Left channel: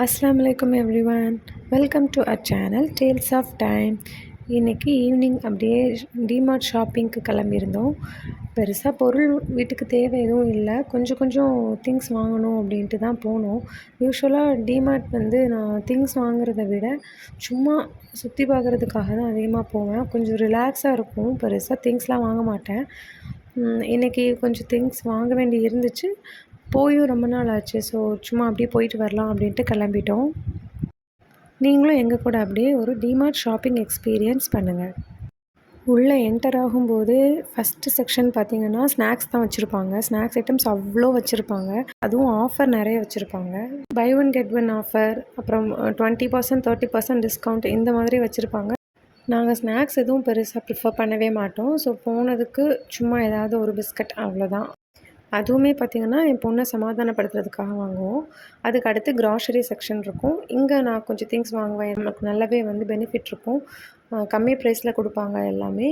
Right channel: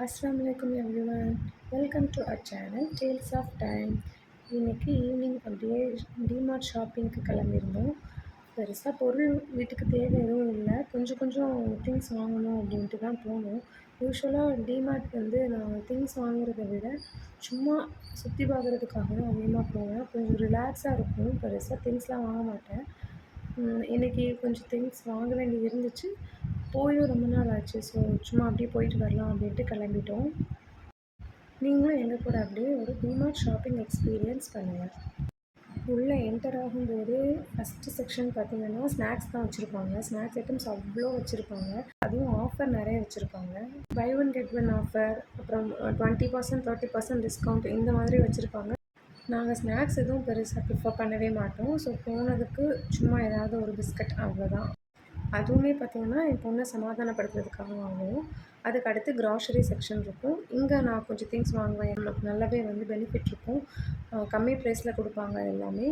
Assalamu alaikum everyone. Welcome to our channel Tales of Time. இன்றைக்கி evening அப்படியே DMart ஷாப்பிங்க்கு கிளம்பியிருந்தோம். பெருசாக பொருள் வீட்டுக்கு தேவை எதுவும் இல்லை, கொஞ்சம் கொஞ்சம் திங்ஸ் வாங்கணும் அப்படின்ட்டு தான் போனோம். யூஸ்வலாக டிமார்ட் வந்து நான் திங்ஸ் வாங்குறத விட சும்மா சுற்றி பார்க்குறதுக்காக தான் அதிகமாக போவேன். கொஞ்சம் ரிலாக்ஸாக இருக்கும், பெருசாக திங்ஸ்லாம் வாங்க மாட்டேன். இன்றைக்கி கொஞ்சம் திங்ஸ் வாங்க வேண்டி இருந்துச்சு, போயும் ரொம்ப நாள் ஆச்சு. ஸோ சும்மா அப்படியே போயிட்டு வரலாம் அப்படின்ட்டு கிளம்பிட்டோம். நீங்களும் எங்கள் கூட அப்படியே ஒரு டிமார்ட் ஷாப்பிங் எக்ஸ்பீரியன்ஸ் பண்ணுங்கள். உள்ளே என்டர் ஆகும்போது ஃபஸ்ட்டு செக்ஷன் பார்த்திங்கன்னா ஸ்நாக்ஸ் தான் வச்சுருப்பாங்க. ஸ்நாக்ஸ் ஐட்டம்ஸ் அவ்வளோ வச்சுருப்பாங்க, அதுவும் ஆஃபர் நிறைய வச்சுருப்பாங்க. Buy one get one offer, அப்புறம் 20% 30% டிஸ்கவுண்ட் இந்த மாதிரி வச்சுருப்பாங்க. நாங்கள் ஸ்நாக்ஸ் எதுவும் பெருசாக ப்ரிஃபர் பண்ணவே மாட்டோம். ஸோ போனதுக்கு சும்மா ஏதாவது ஒரு பிஸ்கட் அவ்வளோதான். அதுவுமே பார்த்திங்கன்னா என் பொண்ணை சமாதானப்படுத்துறதுக்காக வாங்குவோம். அதுக்கு அடுத்து க்ராசரி செக்ஷன் இருக்கும். இங்கே நான் கொஞ்சம் திங்ஸ் வாங்குவேன், நமக்கு நல்லாவே வந்து பெனிஃபிட் இருக்கும். கம்மி ப்ரைஸில் கொடுப்பாங்க, எல்லாமே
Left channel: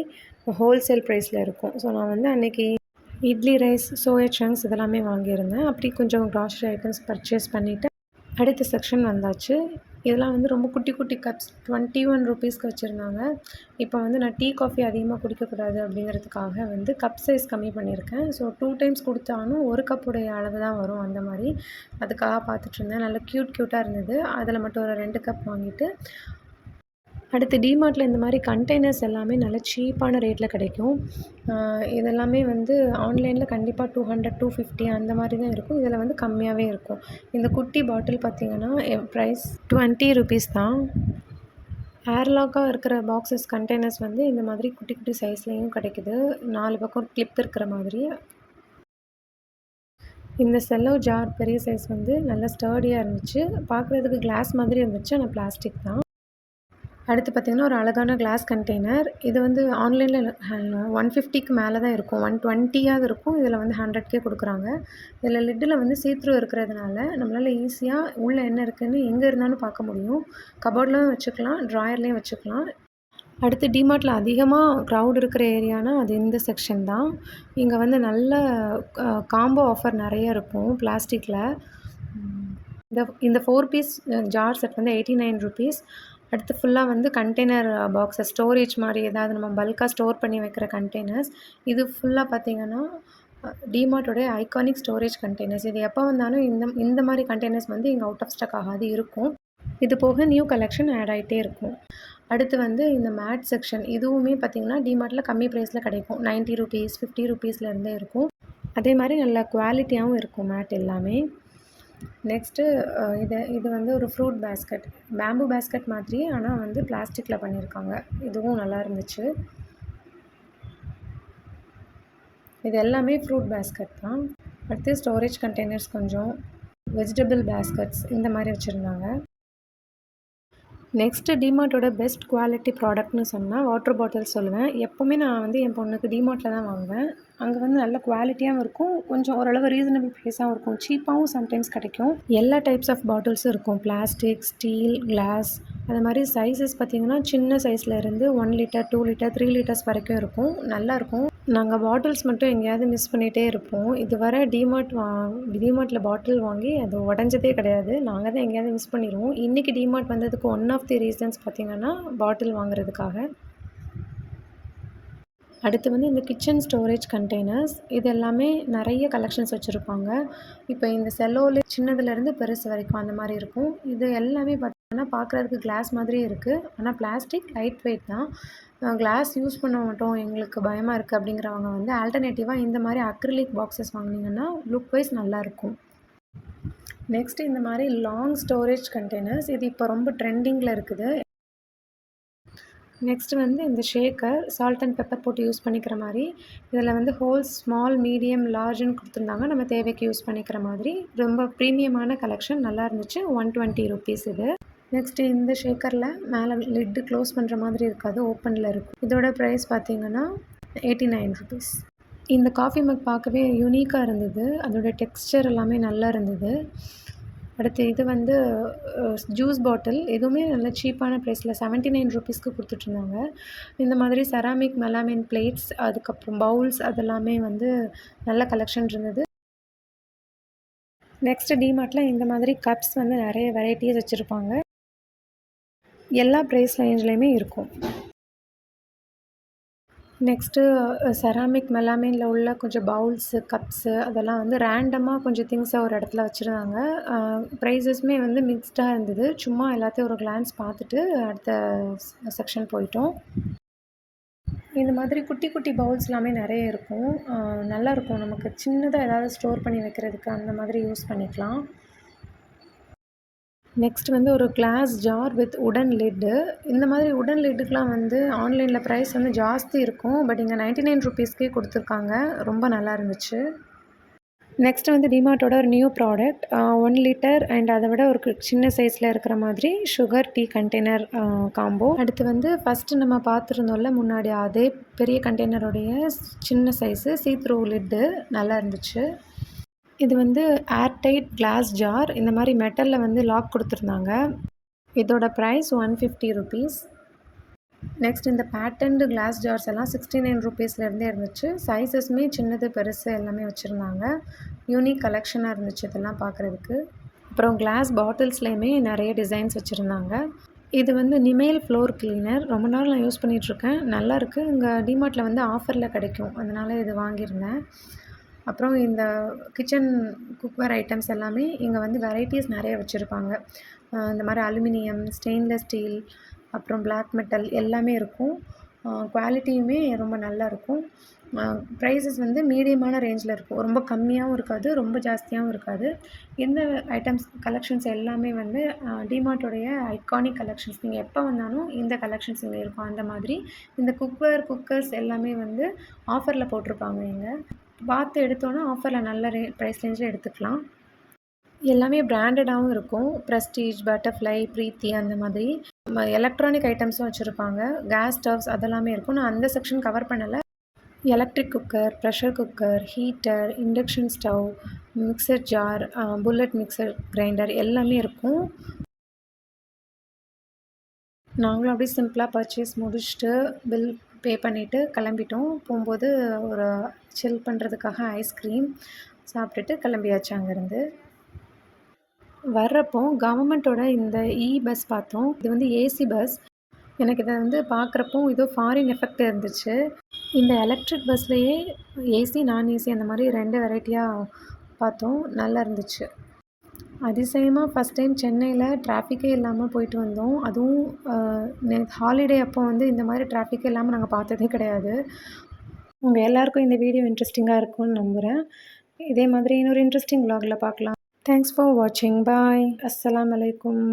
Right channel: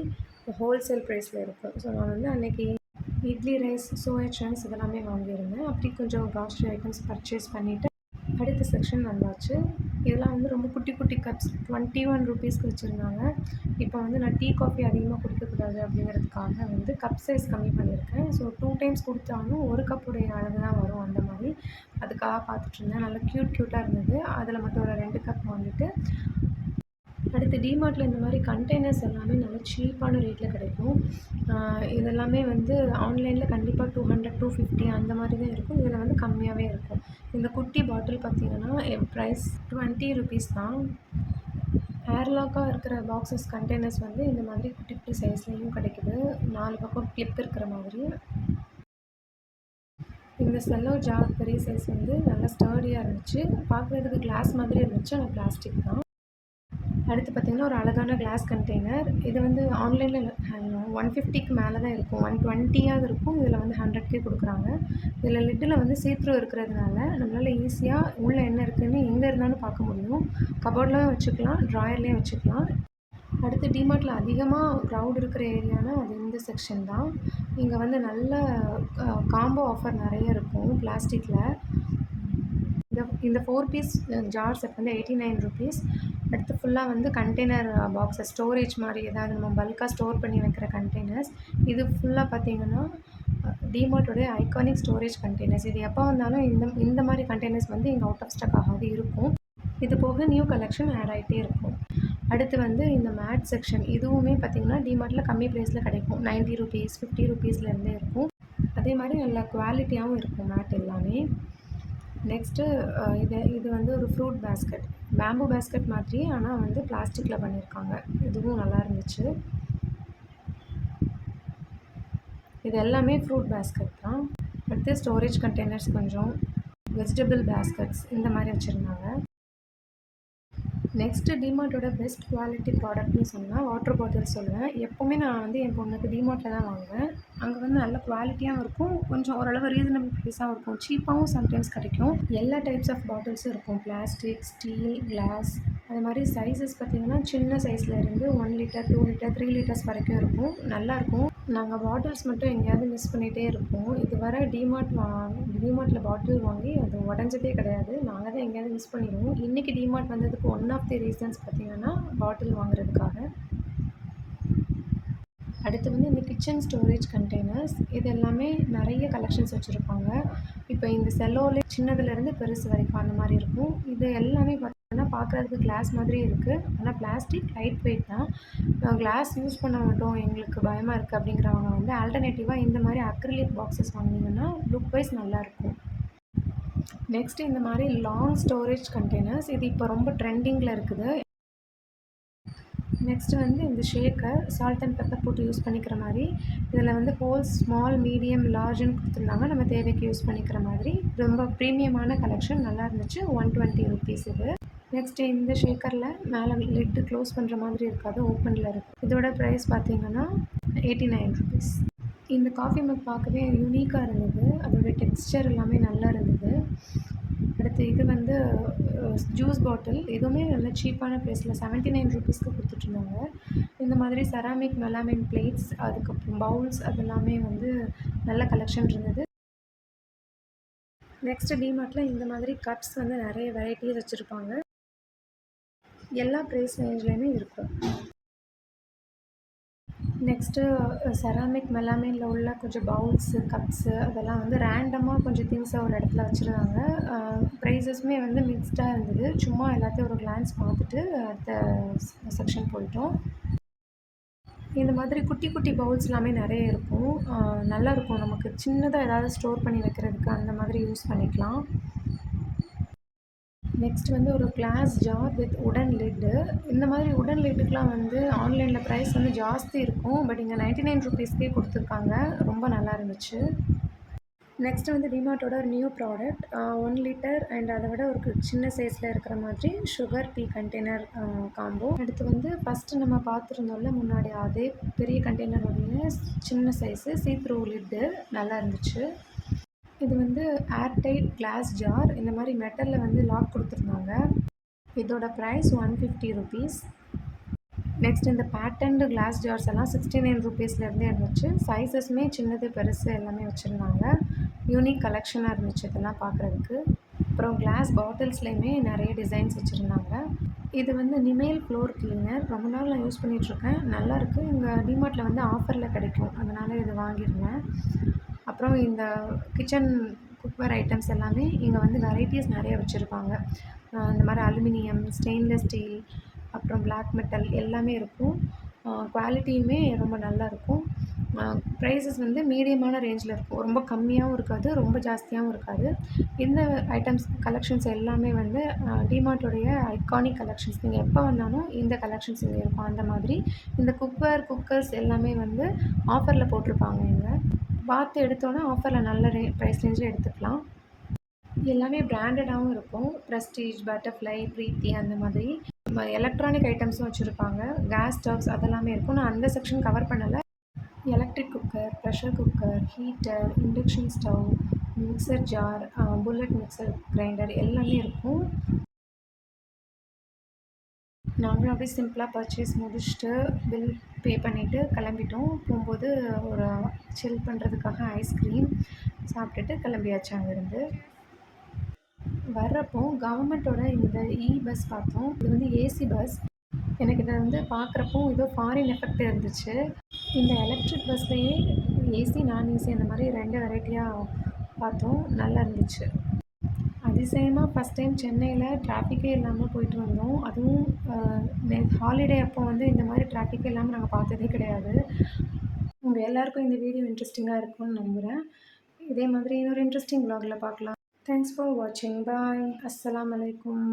ஹோல்சேல் ப்ரைஸில் இருக்கும். ஸோ நான் வந்து அன்றைக்கி இட்லி ரைஸ், சோயா சங்க்ஸ் இதெல்லாமே வாங்கியிருந்தேன். அப்படி கொஞ்சம் க்ராசரி ஐட்டம்ஸ் பர்ச்சேஸ் பண்ணிவிட்டு அடுத்த செக்ஷன் வந்தாச்சு. இதெல்லாம் வந்து ரொம்ப குட்டி குட்டி கப்ஸ் 21 ருபீஸ்க்கு வச்சுருந்தாங்க. இப்போ வந்து நான் டீ காஃபி அதிகமாக குடிக்கக்கூடாது அப்படிங்கிறதுக்காக வந்து கப் சைஸ் கம்மி பண்ணியிருக்கேன். ஸோ 2 டைம்ஸ் குடித்தாலும் 1 கப்புடைய அளவு தான் வரும், அந்த மாதிரி. அதுக்காக பார்த்துட்ருந்தேன். நல்லா க்யூட்டாக இருந்தது. அதில் மட்டும் ஒரு 2 கப் வாங்கிட்டு அடுத்து டிமார்ட்டில் இந்த மாதிரி கண்டெய்னர்ஸ் எல்லாமே நல்ல சீப்பான ரேட்டில் கிடைக்கும். இதெல்லாமே வந்து ஆன்லைனில் கண்டிப்பாக 200 250 அந்த மாதிரி தான் இருக்கும். இதில் வந்து கம்மியாகவே இருக்கும். இந்த குட்டி பாட்டில் பார்த்திங்கன்னா ப்ரைஸ் 20 ருபீஸ் தான். ஏர்லாக்காக இருக்கிற பாக்ஸஸ் கண்டெய்னர்ஸ் வந்து இந்த மாதிரி குட்டி குட்டி சைஸ்லேயும் கிடைக்குது, 4 பக்கம் கிளிப் இருக்கிற மாதிரி. இந்த செல்லோ ஜார் பெரிய சைஸ் வந்து நல்லா ஸ்டர்டியாக இருந்துச்சு. பார்க்குறதுக்கு கிளாஸ் மாதிரி இருந்துச்சு, ஆனால் பிளாஸ்டிக் தான். அடுத்து பார்த்திங்கன்னா ஒரு அழகான கிளாஸ் கண்டெய்னர். இது வந்து ஆன்லைனில் 150க்கு மேலே தான் இருக்கும், 120ஆவது இருக்கும். இதில் வந்து 100க்கே கொடுக்குறாங்க. இதில் லிட்டில் வந்து சீத்ரூ இருக்கிறதுனால நம்மளால் ஈஸியாக உள்ளே என்ன இருக்குதுன்னு எங்கே இருந்தாலும் பார்க்க முடியும். கபோர்ட்லேயும் வச்சுக்கலாம், ட்ராயர்லேயும் வச்சுக்கலாம். அடுத்து டிமார்ட்டில் அதிகமாக க்ரௌட் இருக்கிற ஏரியானா அது இந்த செக்ஷன் தான். இங்கே வந்து நல்ல காம்போ ஆஃபர் நிறைய இருக்கும் பிளாஸ்டிக்கில். இந்த 4 பீஸ் ஜார் செட் வந்து 89 ருபீஸ். அடுத்து ஃபுல்லாக வந்து கண்டெய்னர் பாக்ஸஸ், ஸ்டோரேஜ் மாதிரி ஏதாவது நம்ம பல்காக ஸ்டோர் பண்ணி வைக்கிற கண்டெய்னர்ஸ். இது ஃபுல்லாக பார்த்திங்கன்னா டிமார்ட்டோடைய ஐகானிக் ஸ்டோரேஜ் கண்டெய்னர்ஸ். இது எப்போ வந்தாலும் இந்த மாதிரி கண்டெய்னர்ஸ் வந்து இங்கே அவுட் ஆஃப் ஸ்டாக் ஆகாது இருக்கும். இது போக நியூ கலெக்ஷன் ஆட் ஆகிட்டே இருக்கும். அடுத்து வந்து இந்த மேட் செக்ஷன், இதுவுமே பார்த்திங்கன்னா டிமார்ட்டில் கம்மி ப்ரைஸில் கிடைக்கும். 90 ருபீஸ் 50 ருபீஸ்லேருந்தே இருக்கும். அதே மாதிரி நல்ல குவாலிட்டியாகவும் இருக்கும் மேட் எல்லாமே. நெக்ஸ்ட்டு இது வந்து ஒரு ஃப்ரூட் பேஸ்கட், பேம்பு பேஸ்கட் மாதிரி, ஆனால் வந்து பிளாஸ்டிக்கில் பண்ணியிருக்காங்க. இதுவும் நல்லா இருந்துச்சு. இது எல்லாமே ஃப்ரூட் பேஸ்கட் தான். அடுத்து ஸ்டோரேஜ் கண்டெய்னர்ஸ், கொஞ்சம் வெஜிடபிள் பேஸ்கட்ஸ் இந்த மாதிரி வச்சுருந்தாங்க. நெக்ஸ்ட்டு டிமார்ட்டோட பெஸ்ட் குவாலிட்டி ப்ராடக்ட்னு சொன்னால் வாட்டர் பாட்டில் சொல்லுவேன். எப்போவுமே நான் வந்து என் பொண்ணுக்கு டிமார்ட்டில் தான் வாங்குவேன். அங்கே வந்து நல்ல குவாலிட்டியாகவும் இருக்கும், கொஞ்சம் ஓரளவு ரீசனபிள் ப்ரைஸாகவும் இருக்கும், சீப்பாகவும் சம்டைம்ஸ் கிடைக்கும். எல்லா டைப்ஸ் ஆஃப் பாட்டில்ஸும் இருக்கும், பிளாஸ்டிக், ஸ்டீல், கிளாஸ். அது மாதிரி சைஸஸ் பார்த்திங்கன்னா சின்ன சைஸில் இருந்து 1 லிட்டர் 2 லிட்டர் 3 லிட்டர்ஸ் வரைக்கும் இருக்கும். நல்லாயிருக்கும். நாங்கள் பாட்டில்ஸ் மட்டும் எங்கேயாவது மிஸ் பண்ணிகிட்டே இருப்போம். இதுவரை டிமார்ட்டில் பாட்டில் வாங்கி அது உடஞ்சதே கிடையாது. நாங்கள் தான் எங்கேயாவது மிஸ் பண்ணிடுவோம். இன்றைக்கி டிமார்ட் வந்ததுக்கு ஒன் ஆஃப் தி ரீசன்ஸ் பார்த்திங்கன்னா பாட்டில் வாங்குறதுக்காக. அடுத்து வந்து இந்த கிச்சன் ஸ்டோரேஜ் கண்டெய்னர்ஸ், இது எல்லாமே நிறைய கலெக்ஷன்ஸ் வச்சுருப்பாங்க. இப்போ இந்த செல்லோவில் சின்னதுலேருந்து பெருசு வரைக்கும் அந்த மாதிரி இருக்கும். இது எல்லாமே பார்த்தீங்கன்னா பார்க்குறதுக்கு கிளாஸ் மாதிரியே இருக்குது, ஆனால் பிளாஸ்டிக் லைட் வெயிட் தான். கிளாஸ் யூஸ் பண்ண மாட்டோம், எங்களுக்கு பயமாக இருக்குது அப்படிங்கிறவங்க வந்து ஆல்டர்னேட்டிவாக இந்த மாதிரி அக்ரிலிக் பாக்ஸஸ் வாங்கினீங்கன்னா லுக் வைஸ் நல்லாயிருக்கும். நெக்ஸ்ட்டு இந்த மாதிரி லாங் ஸ்டோரேஜ் கண்டெய்னர்ஸ், இது இப்போ ரொம்ப ட்ரெண்டிங்கில் இருக்குது. நெக்ஸ்ட்டு வந்து இந்த ஷேக்கர், சால்ட் அண்ட் பெப்பர் போட்டு யூஸ் பண்ணிக்கிற மாதிரி. இதில் வந்து ஹோல்ஸ் ஸ்மால், மீடியம், லார்ஜுன்னு கொடுத்துருந்தாங்க, நம்ம தேவைக்கு யூஸ் பண்ணிக்கிற மாதிரி. ரொம்ப ப்ரீமியமான கலெக்ஷன், நல்லா இருந்துச்சு. 120 ருபீஸ் இது. நெக்ஸ்ட்டு இந்த ஷேக்கரில் மேலே லிட்டு க்ளோஸ் பண்ணுற மாதிரி இருக்காது, ஓப்பனில் இருக்கும். இதோட ப்ரைஸ் பார்த்திங்கன்னா 89 ருபீஸ். இந்த காஃபி மக் பார்க்கவே யூனிக்காக இருந்தது, அதோடய டெக்ஸ்சர் எல்லாமே நல்லா இருந்தது. அடுத்து இது வந்து ஜூஸ் பாட்டில், எதுவுமே நல்ல சீப்பான ப்ரைஸில் 79 ருபீஸ்க்கு கொடுத்துட்ருந்தாங்க. இந்த மாதிரி செராமிக் மெலாமின் பிளேட்ஸ், அதுக்கப்புறம் பவுல்ஸ், அதெல்லாமே வந்து நல்ல கலெக்ஷன் இருந்தது. நெக்ஸ்ட்டு டிமார்ட்டில் இந்த மாதிரி கப்ஸ் வந்து நிறைய வெரைட்டிஸ் வச்சுருப்பாங்க. எல்லா ப்ரைஸ் ரேஞ்ச்லேயுமே இருக்கும். நெக்ஸ்ட்டு செராமிக் மெலாமைனில் உள்ள கொஞ்சம் பவுல்ஸு, கப்ஸு அதெல்லாம் வந்து ரேண்டமாக கொஞ்சம் திங்ஸை ஒரு இடத்துல வச்சுருந்தாங்க. ப்ரைஸஸுமே வந்து மிக்ஸ்டாக இருந்தது. சும்மா எல்லாத்தையும் ஒரு கிளான்ஸ் பார்த்துட்டு அடுத்த செக்ஷன் போயிட்டோம். இந்த மாதிரி குட்டி குட்டி பவுல்ஸ் எல்லாமே நிறைய இருக்கும். நல்லாயிருக்கும். நமக்கு சின்னதாக ஏதாவது ஸ்டோர் பண்ணி வைக்கிறதுக்கு அந்த மாதிரி யூஸ் பண்ணிக்கலாம். நெக்ஸ்ட் வந்து ஒரு கிளாஸ் ஜார் வித் உடன் லிட்டு. இந்த மாதிரி உடன் லிட்டுக்கெலாம் வந்து ஆன்லைனில் ப்ரைஸ் வந்து ஜாஸ்தி இருக்கும். பட் இங்கே 99 ரூபீஸ்க்கே கொடுத்துருக்காங்க. ரொம்ப நல்லா இருந்துச்சு. நெக்ஸ்ட்டு வந்து டிமார்ட்டோட ஒரு நியூ ப்ராடக்ட் 1 லிட்டர் அண்ட் அதை விட ஒரு சின்ன சைஸில் இருக்கிற மாதிரி சுகர் டீ கண்டெய்னர் காம்போ. அடுத்து வந்து ஃபஸ்ட்டு நம்ம பார்த்துருந்தோம்ல முன்னாடி அதே பெரிய கண்டெய்னருடைய சின்ன சைஸு சீ-த்ரூ லிட்டு நல்லா இருந்துச்சு. இது வந்து ஏர்டைட் கிளாஸ் ஜார். இந்த மாதிரி மெட்டலில் வந்து லாக் கொடுத்துருந்தாங்க. இதோட ப்ரைஸ் 150 ரூபீஸ். நெக்ஸ்ட் இந்த பேட்டர்ன்டு கிளாஸ் ஜார்ஸ் எல்லாம் 69 ரூபீஸ்லேருந்தே இருந்துச்சு. சைஸஸுமே சின்னது பெருசு எல்லாமே வச்சுருந்தாங்க. யூனிக் கலெக்ஷனாக இருந்துச்சு இதெல்லாம் பார்க்குறதுக்கு. அப்புறம் கிளாஸ் பாட்டில்ஸ்லேயுமே நிறைய டிசைன்ஸ் வச்சுருந்தாங்க. இது வந்து நிமேல் ஃப்ளோர் கிளீனர். ரொம்ப நாள் நான் யூஸ் பண்ணிகிட்ருக்கேன். நல்லாயிருக்கு. இங்கே டிமார்ட்டில் வந்து ஆஃபரில் கிடைக்கும். அதனால் இது வாங்கியிருந்தேன். அப்புறம் இந்த கிச்சன் குக்வேர் ஐட்டம்ஸ் எல்லாமே இங்கே வந்து வெரைட்டிஸ் நிறைய வச்சுருப்பாங்க. இந்த மாதிரி அலுமினியம், ஸ்டெயின்லெஸ் ஸ்டீல், அப்புறம் பிளாக் மெட்டல் எல்லாமே இருக்கும். குவாலிட்டியுமே ரொம்ப நல்லாயிருக்கும். ப்ரைஸஸ் வந்து மீடியமான ரேஞ்சில் இருக்கும். ரொம்ப கம்மியாகவும் இருக்காது, ரொம்ப ஜாஸ்தியாகவும் இருக்காது. இந்த ஐட்டம்ஸ் கலெக்ஷன்ஸ் எல்லாமே வந்து டிமார்ட்டோடைய ஐகானிக் கலெக்ஷன்ஸ். நீங்கள் எப்போ வந்தாலும் இந்த கலெக்ஷன்ஸ் இங்கே இருக்கும். அந்த மாதிரி இந்த குக்வேர், குக்கர்ஸ் எல்லாமே வந்து ஆஃபரில் போட்டிருப்பாங்க இங்கே. பார்த்து எடுத்தோன்னா ஆஃபரில் நல்ல ப்ரைஸ் ரேஞ்சில் எடுத்துக்கலாம். எல்லாமே பிராண்டடாகவும் இருக்கும். ப்ரெஸ்டீஜ், பட்டர்ஃப்ளை, ப்ரீத்தி அந்த மாதிரி. எலக்ட்ரானிக் ஐட்டம்ஸும் வச்சுருப்பாங்க. கேஸ் ஸ்டவ்ஸ் அதெல்லாமே இருக்கும். நான் அந்த செக்ஷன் கவர் பண்ணலை. Electric cooker, pressure cooker, heater, induction stove, mixer jar, bullet mixer grinder எல்லாமே இருக்கும். நாங்களும் அப்படியே சிம்பிளாக பர்ச்சேஸ் முடிச்சுட்டு பில் பே பண்ணிவிட்டு கிளம்பிட்டோம். போகும்போது ஒரு சில் பண்ணுறதுக்காக ஐஸ்கிரீம் சாப்பிட்டுட்டு கிளம்பியாச்சு அங்கேருந்து. வர்றப்போ கவர்மெண்ட்டோட இந்த பஸ் பார்த்தோம். இது வந்து ஏசி பஸ். எனக்கு இதை வந்து பார்க்குறப்போ ஏதோ ஃபாரின் எஃபெக்ட் இருந்துச்சு. இந்த எலக்ட்ரிக் பஸ்லேயே ஏசி, நான் ஏசி அந்த மாதிரி 2 வெரைட்டியாக பார்த்தோம். நல்லா இருந்துச்சு. அதிசயமாக ஃபஸ்ட் டைம் சென்னையில் டிராஃபிக்கே இல்லாமல் போயிட்டு வந்தோம். அதுவும் ஹாலிடே அப்போ வந்து இந்த மாதிரி டிராஃபிக்கே இல்லாமல் நாங்கள் பார்த்ததே கிடையாது. உங்கள் எல்லாருக்கும் இந்த வீடியோ இன்ட்ரெஸ்டிங்காக இருக்கும்னு நம்புகிறேன். இதே மாதிரி இன்னொரு இன்ட்ரெஸ்டிங் vlogல பார்க்கலாம். தேங்க்ஸ் ஃபார் வாட்சிங். பாய். அஸ்ஸலாமு அலைக்கும்.